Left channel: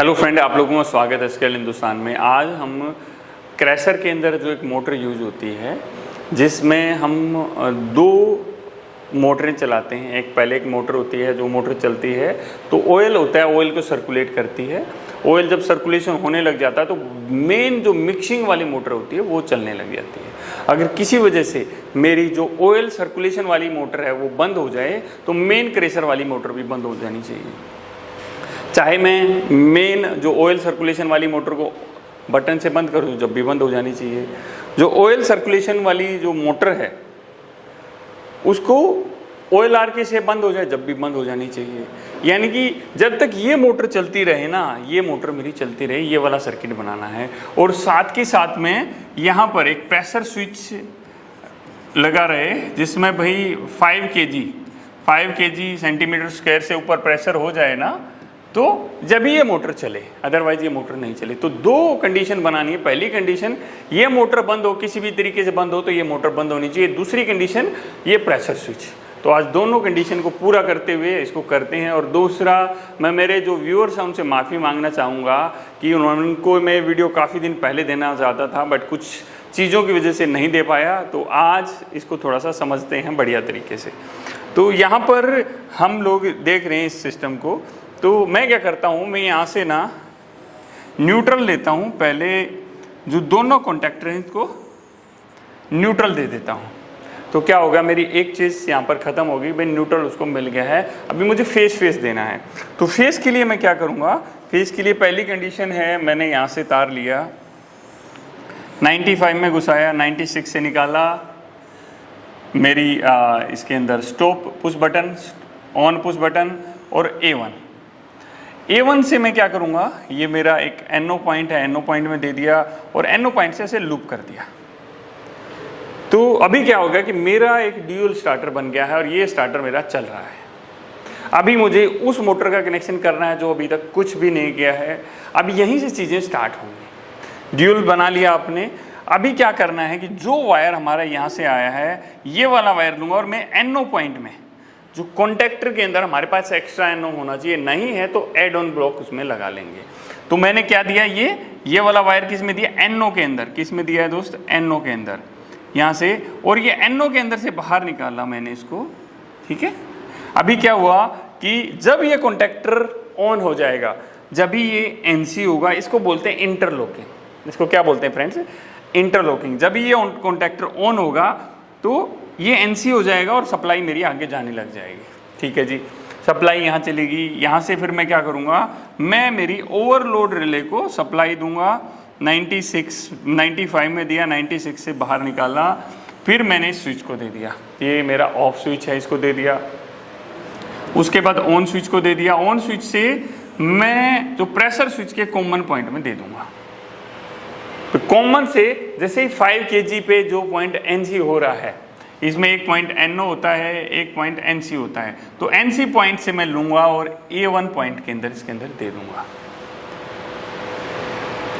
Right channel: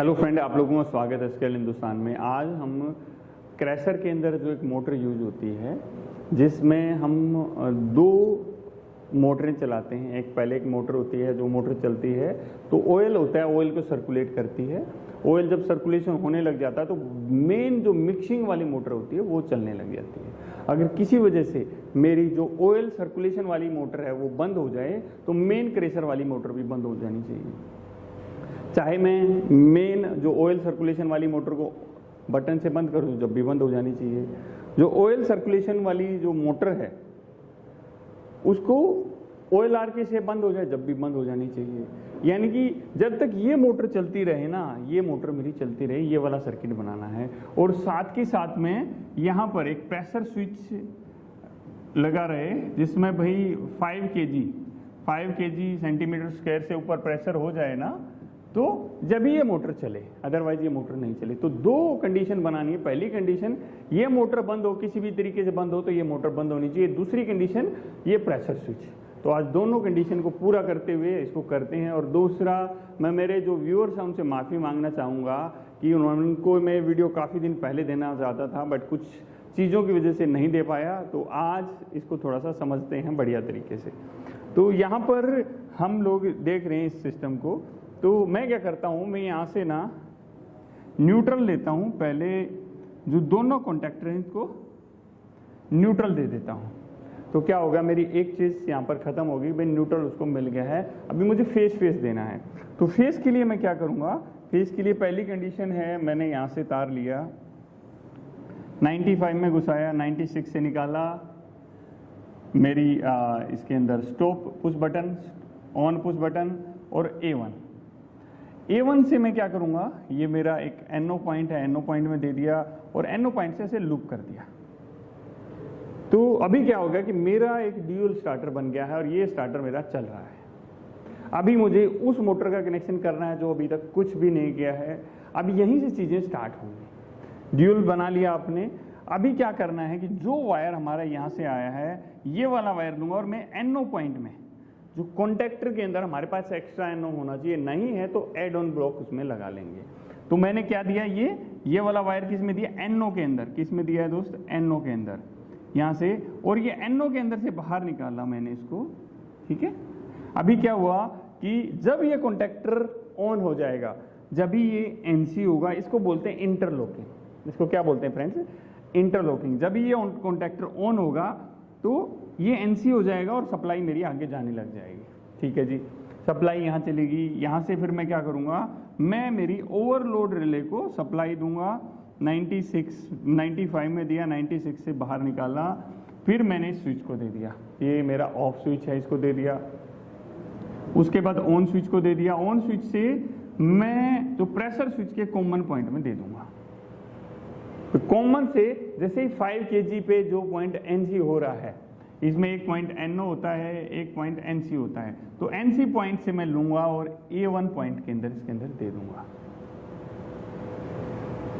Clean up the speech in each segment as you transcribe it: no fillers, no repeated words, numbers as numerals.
Hello friend, आप लोगों का स्वागत है स्केल हिंदुस्तान में। आज हम क्रैशर के अंदर जो एक मोटर यूज होती है जिसमें हम दो मोटरें चलाते हैं। पहले एक मोटर होती है, जो मोटर चलती है तो ऑयल होता है, ऑयल को सर्कुलेट करती है। ऑयल जब सर्कुलेशन होने लग जाता है तो मेन जो मिक्सिंग वाली मोटर होती है वो चलने लग जाती है। अगर किसी वजह से मेरी जो ऑयल सर्कुलेशन वाली मोटर है वो बंद हो जाए तो मेन क्रैशर वाली मोटर भी बंद हो जानी चाहिए। चाहे मैं मेन जो ऑयल सर्कुलेशन वाली मोटर को बटन से बंद करूँ, जब भी बंद हो जानी चाहिए। जो ऑयल सर्कुलेशन वाली जो मोटर है उसको OLRK से बंद हो जाए, जब भी बंद हो जानी चाहिए। यानी कि जब तक ये मोटर चलती रहे ना, ये मोटर मेरी चलती रहे, ये वाला सर्किट बनाना है। और साथ के साथ में यहाँ पर एक प्रेशर स्विच लगा रहे जिसमें भाई 5 kg सेंटीमीटर स्क्वायर से ऊपर प्रेशर हो जाए ना, तो जब ये मोटर चले, अदरवाइज ये मोटर नहीं चले। तो दो कंडीशन बनानी है। पहली कंडीशन, ये मोटर बंद हो, किसी भी तरीके से बंद हो तो ये मोटर बंद होनी चाहिए। दूसरी कंडीशन, ये प्रेशर स्विच। तो आज दोनों कंडीशन को पूरा करते हुए इसको करते हैं। और दूसरा, मैं मेरे जो व्यूअर्स हैं उनसे माफ़ी मांगना चाहूँगा कि उनको मैं वीडियो काफ़ी दिन पहले देना चाहता था, बट कुछ चीज़ों की वजह से नहीं दे पाया। तो आज इसको थोड़ा सा समझते हैं बढ़िया तरीके से। तो यहाँ पर हम लोग देख रहे हैं इस सिस्टम को। तो मैं क्या करता हूँ, मैं यहाँ से ना न्यूट्रल लेता हूँ। पहले जो दोनों कॉन्टैक्टर हैं इसको न्यूट्रल दे देता हूँ। तो क्या होगा, मेरी एक चीज़ यहाँ पर ख़त्म होगी भाई, न्यूट्रल उसको मिल गया है। अभी मुझे फेस देना है। तो फेस के लिए मैं क्या करूँगा, फेस के लिए पहली कंडीशन है, मैंने यहाँ से तार लिया, 95 में घुसाया, 96 से निकाला। मेरी इसके अंदर stop push button, on push button और A1 से मैं क्या करूँगा, ये मेरा एक NO पॉइंट है, NO पॉइंट में दे दिया और NO पॉइंट से ऐसे लूप कर दिया। तो अभी क्या होगा कि मेरा एक ड्यूल स्टार्टर बन गया है और ये स्टार्टर मेरा चल रहा है। अभी मुझे उस मोटर का कनेक्शन करना है जो अभी तक कुछ भी नहीं किया है। अब यहीं से चीज़ें स्टार्ट होंगी। ड्यूल बना लिया आपने। अभी क्या करना है कि जो वायर हमारा यहाँ से आया है, ये वाला वायर लूँगा और मैं NO पॉइंट में, जो कॉन्टैक्टर के अंदर हमारे पास एक्स्ट्रा NO होना चाहिए, नहीं है तो एड ऑन ब्लॉक उसमें लगा लेंगे। तो मैंने क्या दिया, ये वाला वायर किस में दिया, NO के अंदर। किस में दिया है दोस्त, NO के अंदर, यहाँ से। और ये NO के अंदर से बाहर निकाला मैंने इसको, ठीक है। अभी क्या हुआ कि जब ये कॉन्टैक्टर ऑन हो जाएगा, जब भी ये NC होगा, इसको बोलते हैं इंटरलॉकिंग। इसको क्या बोलते हैं फ्रेंड्स, इंटरलॉकिंग। जब ये कॉन्टैक्टर ऑन होगा तो ये NC हो जाएगा और सप्लाई मेरी आगे जाने लग जाएगी, ठीक है जी। सप्लाई यहाँ चलेगी। यहाँ से फिर मैं क्या करूँगा, मैं मेरी ओवरलोड रिले को सप्लाई दूंगा। 95 में दिया, 96 से बाहर निकाला। फिर मैंने इस स्विच को दे दिया, ये मेरा ऑफ स्विच है, इसको दे दिया। उसके बाद ऑन स्विच को दे दिया। ऑन स्विच से मैं जो प्रेशर स्विच के कॉमन पॉइंट में दे दूंगा। तो कॉमन से जैसे ही 5 kg पे जो पॉइंट NC हो रहा है, इसमें एक पॉइंट NO होता है, एक पॉइंट NC होता है। तो NC पॉइंट से मैं लूंगा और A1 पॉइंट के अंदर, इसके अंदर दे दूंगा।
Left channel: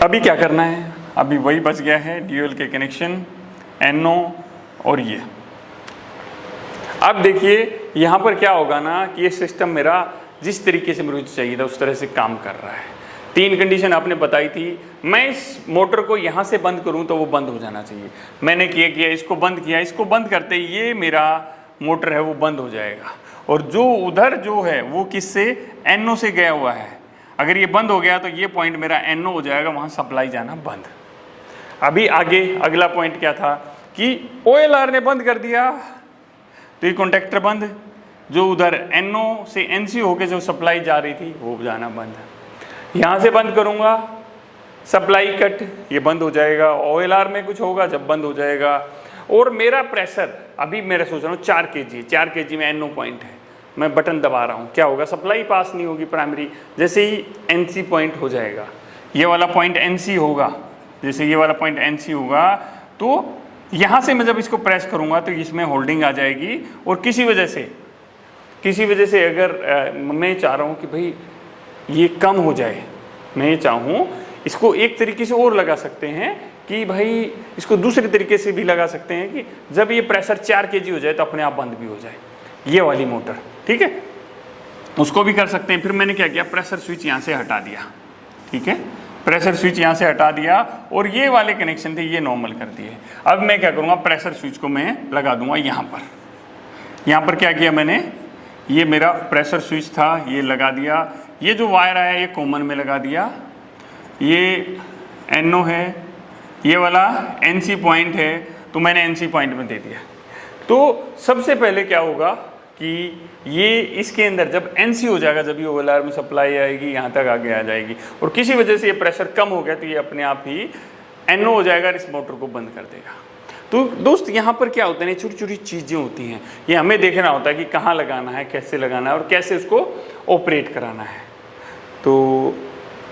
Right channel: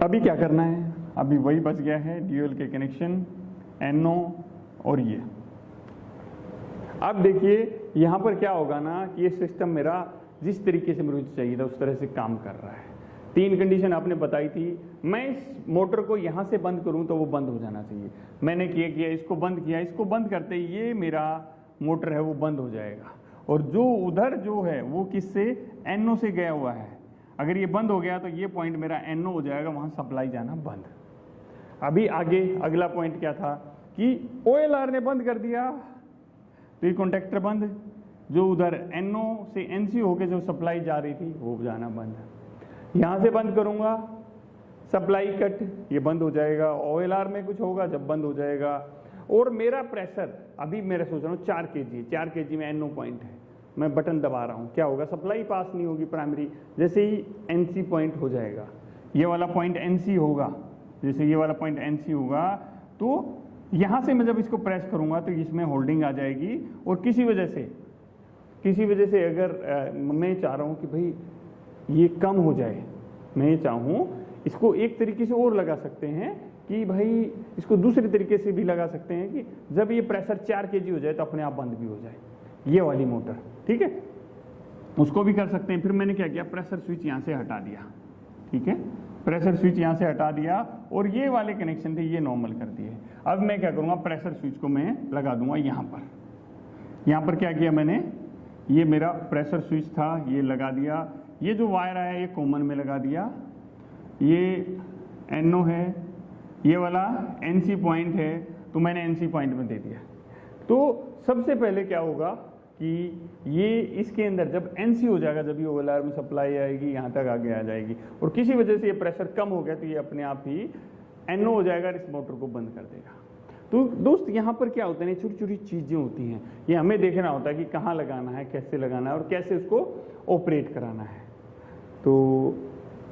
अभी क्या करना है, अभी वही बच गया है, ड्यूल के कनेक्शन, NO और ये। अब देखिए यहाँ पर क्या होगा ना कि ये सिस्टम मेरा जिस तरीके से मुझे चाहिए था उस तरह से काम कर रहा है। 3 कंडीशन आपने बताई थी। मैं इस मोटर को यहाँ से बंद करूँ तो वो बंद हो जाना चाहिए। मैंने किया, इसको बंद किया। इसको बंद करते ही ये मेरा मोटर है वो बंद हो जाएगा। और जो उधर जो है वो किससे, NO से गया हुआ है। अगर ये बंद हो गया तो ये पॉइंट मेरा NO हो जाएगा, वहाँ सप्लाई जाना बंद। अभी आगे अगला पॉइंट क्या था कि OLR ने बंद कर दिया तो ये कॉन्टैक्टर बंद। जो उधर NO से NC होके जो सप्लाई जा रही थी वो जाना बंद। यहाँ से बंद करूँगा, सप्लाई कट, ये बंद हो जाएगा। OLR में कुछ होगा जब बंद हो जाएगा। और मेरा प्रेशर अभी मेरा सोच रहा हूँ 4 kg, 4 kg में NO पॉइंट है, मैं बटन दबा रहा हूँ, क्या होगा, सप्लाई पास नहीं होगी प्राइमरी। जैसे ही NC पॉइंट हो जाएगा, ये वाला पॉइंट NC होगा, जैसे ये वाला पॉइंट NC होगा तो यहाँ से मैं जब इसको प्रेस करूँगा तो इसमें होल्डिंग आ जाएगी। और किसी वजह से अगर मैं चाह रहा हूँ कि भाई ये कम हो जाए, मैं ये चाहूँ, इसको एक तरीके से और लगा सकते हैं कि भाई इसको दूसरे तरीके से भी लगा सकते हैं कि जब ये प्रेशर 4 kg हो जाए तो अपने आप बंद भी हो जाए, ये वाली मोटर, ठीक है। उसको भी कर सकते हैं। फिर मैंने क्या किया, प्रेशर स्विच यहाँ से हटा दिया, ठीक है, प्रेशर स्विच यहाँ से हटा दिया और ये वाले कनेक्शन थे ये नॉर्मल कर दिए। अब मैं क्या करूँगा, प्रेशर स्विच को मैं लगा दूंगा यहाँ पर। यहाँ पर क्या किया मैंने, ये मेरा प्रेशर स्विच था, ये लगा दिया। ये जो वायर आया ये कॉमन में लगा दिया, ये NO है, ये वाला NC पॉइंट है, तो मैंने NC पॉइंट में दे दिया। तो सबसे पहले क्या होगा कि ये इसके अंदर जब NC हो जाएगा, जब ये ओवरलैप में सप्लाई आएगी यहाँ तक आगे आ जाएगी, और किसी वजह से ये प्रेशर कम हो गया तो ये अपने आप ही NO हो जाएगा और इस मोटर को बंद कर देगा। तो दोस्त यहाँ पर क्या होता है, छोटी छोटी चीज़ें होती हैं, ये हमें देखना होता है कि कहाँ लगाना है, कैसे लगाना है और कैसे उसको ऑपरेट कराना है। तो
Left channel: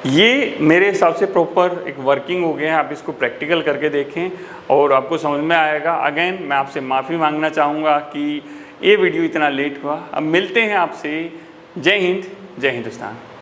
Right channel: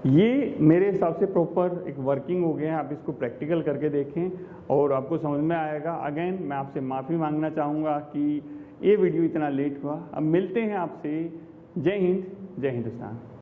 ये मेरे हिसाब से प्रॉपर एक वर्किंग हो गया है। आप इसको प्रैक्टिकल करके देखें और आपको समझ में आएगा। अगेन मैं आपसे माफ़ी मांगना चाहूँगा कि ये वीडियो इतना लेट हुआ। अब मिलते हैं आपसे। जय हिंद, जय हिंदुस्तान।